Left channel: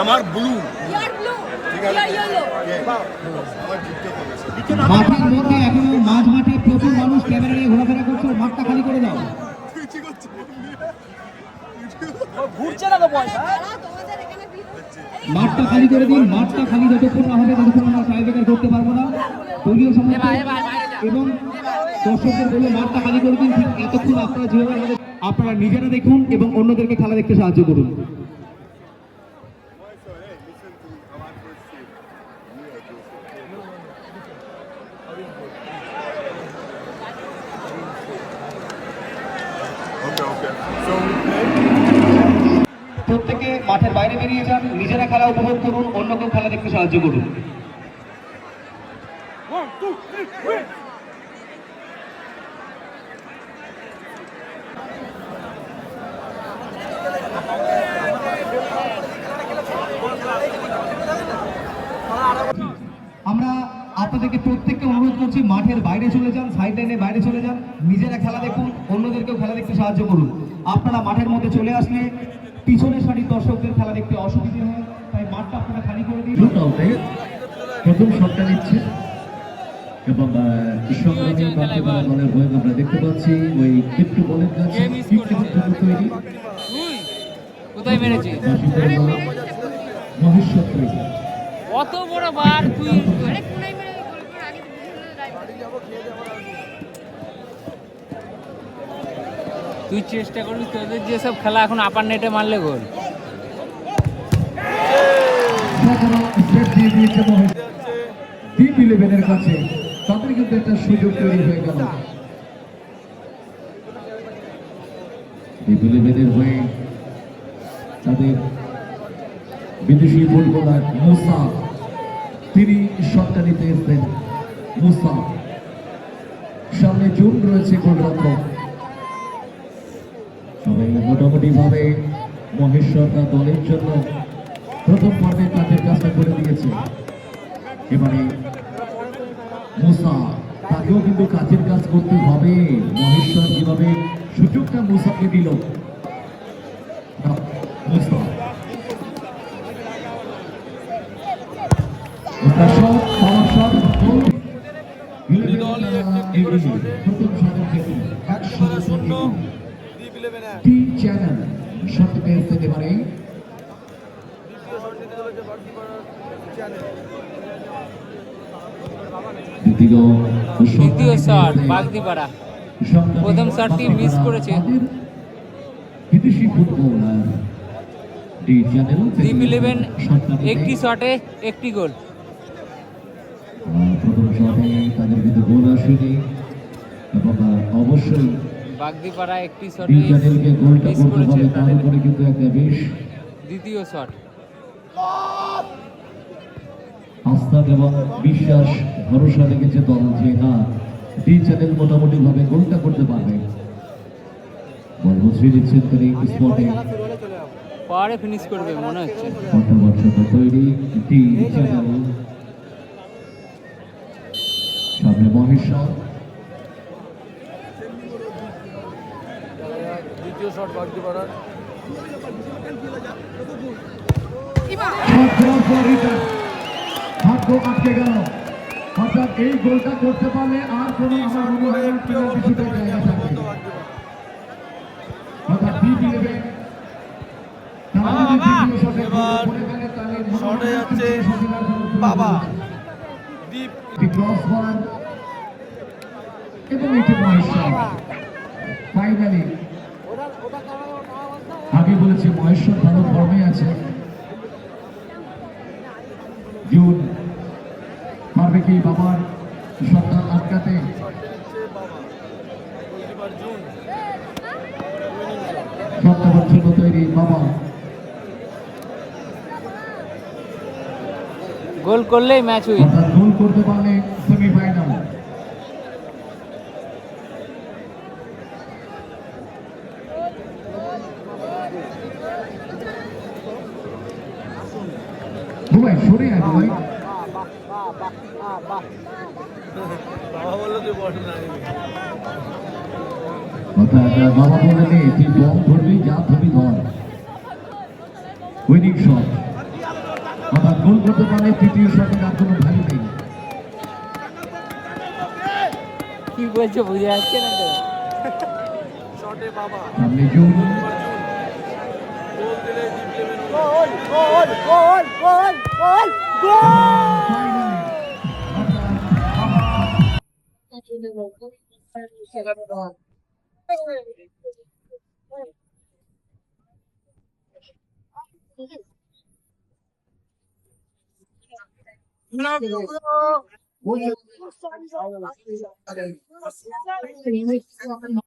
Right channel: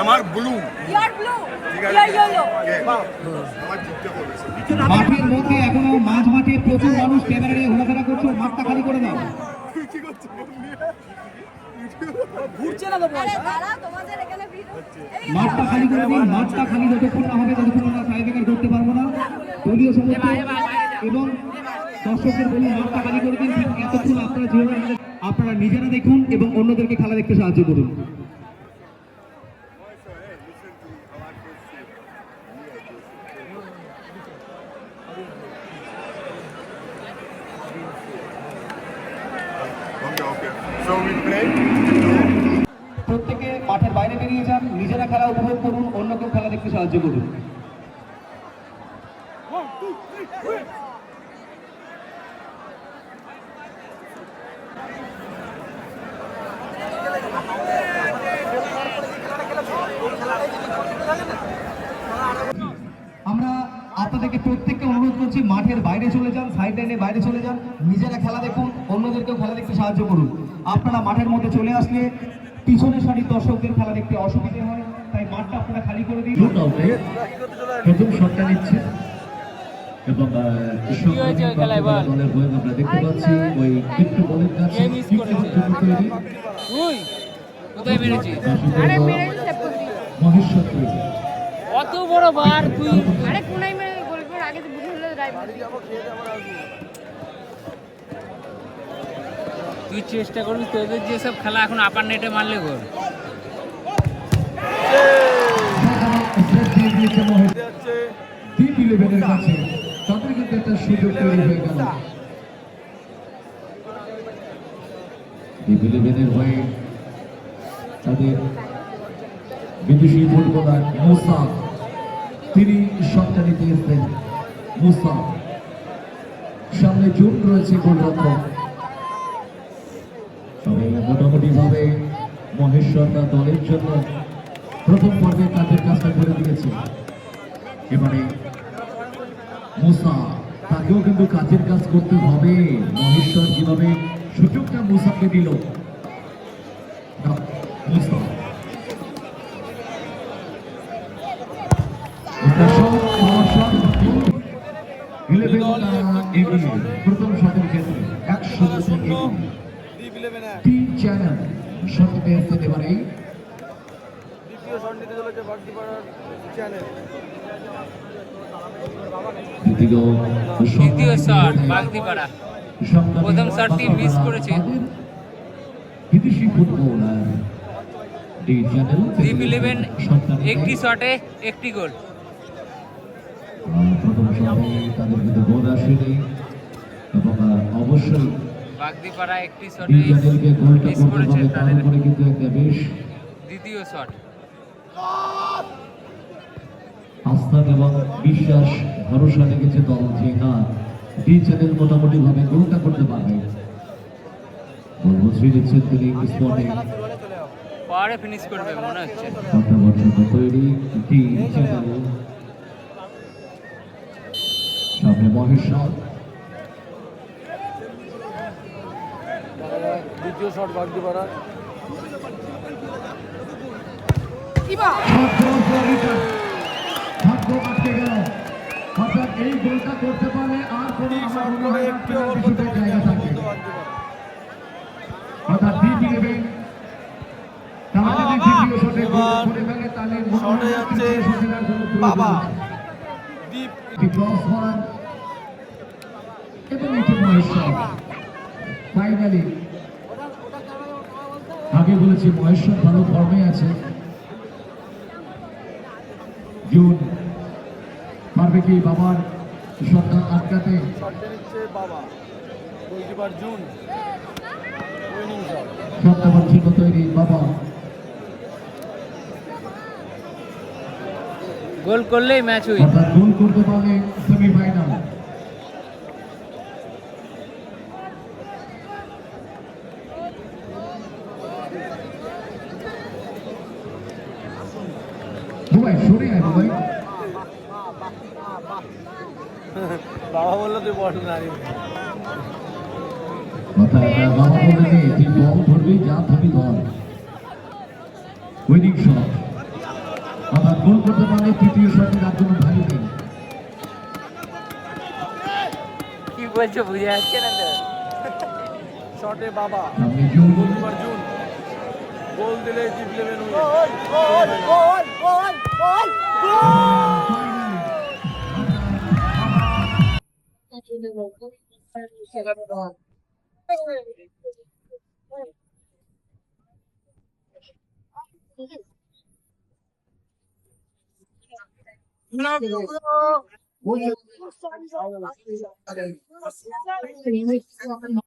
আমার ব্লু মাঠের মধ্যে এখনো মাঝ মাঠে প্রচুর মানুষ ক্যামেরা নিয়ে ঘোরাফেরা করছে, মাঠটা খালি করে দাও। মাঠটা খালি করে দিন, মাঠটা খালি যতক্ষণ না হবে ততক্ষণ আমরা টাইব্রেকার করতে পারবো না। দলীয় সমর্থক এবং দর্শকদের বলবো মাঠটা খালি করে দিন। এতক্ষণ আপনারা যেভাবে আপনারা নিজেরা দেখুন এবং অন্যদেরকে খেলা দেখতে সাহায্য করুন। প্রত্যেকে মাঠের বাইরে বেরিয়ে যান, নিজেরা খেলা উপভোগ করুন, অন্যকেও খেলা দেখতে সাহায্য করুন। আমরা আপনাদেরকে প্রত্যেককে অনুরোধ করছি মাঠের বাইরে চলে যান, সাইড লাইনে বাইরে চলে যান, নিজেরা খেলা দেখুন, অন্যদেরকেও খেলা দেখতে সাহায্য করুন। আপনারা মাঠের মধ্যে চলে আসলে পিছনের সারির দর্শকদের খেলা দেখতে অসুবিধা হয়, তাই মাঠটা আপনারা খালি করে দিন। প্রথম শটটা নিচ্ছে এবং দেখতে পাচ্ছি ওই ক্রিপ্টো বলের কাছে কোথায় মেরেছিস? মহেশ্বর তৈরি অত বড় বার তুই তুই চেষ্টা করবি, তোদের যেসব খেলা এখন আপার নেটে মারলে গোল। ডিপ-11 কাছে তারপরে কিন্তু একটা সুযোগ তৈরি হয়ে গেল। ডিপ-11 হয়ে তাদের বিদেশি ফুটবলার মুসা, তিনি শটটা নিতে এসেছেন। মুসা সামনে জুন রয়েছে গোলরক্ষক। মোটামুটি ভাবে মহেশ্বররা দলের জন্য প্রথম পর্বে কাজের কাজটা করে দিয়েছে। এবারে মুসা, তাকেও কিন্তু কাজের কাজ করতে হবে। মহেশ্বর যেভাবে সুযোগটা মুসাকে দিল, মুসা প্রথম শটের ক্ষেত্রে 100 টিম চ্যানেল শট পেয়ে যেতে পারে। দ্বিতীয় শট বাগদিপাড়া, প্রথম শটটি মিস করেছে। বিদেশি ফুটবল ডিপ-11 একটি শটে একটি গোল। প্রথম শটে তাদের কিন্তু গোল আসেনি এবং অবশ্যই বাগদিপাড়া একটি শটে মিস করেছে তাদের দ্বিতীয় শট। আস্থা এবং বিশ্বাস ভরসা রেখেছে দল যে না, ডি চ্যানেল মোটামুটি ভাবে গোলটা করতে পারবে। স্পটে পরে ফিনিশ করবে মনে হচ্ছে। তৈরি ডি চ্যানেল, সামনে মহেশ্বর। দ্বিতীয় শট বাগদিপাড়া, আটকে গেল। অর্থাৎ এই গোলটা করতে পারলে আর কোন শটে যাচ্ছে বাবা দীপ ফাইনালি আগে বলেছি মহেশ্বর ভালো ফর্মে আছে। জুন পারবে কি বাবার শটটা আটকাতে? শটটা হচ্ছে তৈরি বাবা, গোল করলেই ম্যাচ উইন। গোল করতে পারলে সেমিফাইনাল। সরে আসবে বাবা বললে তুই বল ধরবি, যা ধরবি ধর। উইনিং শট, অর্থাৎ গোল করতে পারলে তৃতীয় শটের আর কোনো ভ্যালু নেই। কি বলছো বুঝে যাচ্ছে না তো। শটে বাবা সামনে জুন, গোল দিলে জিতবে।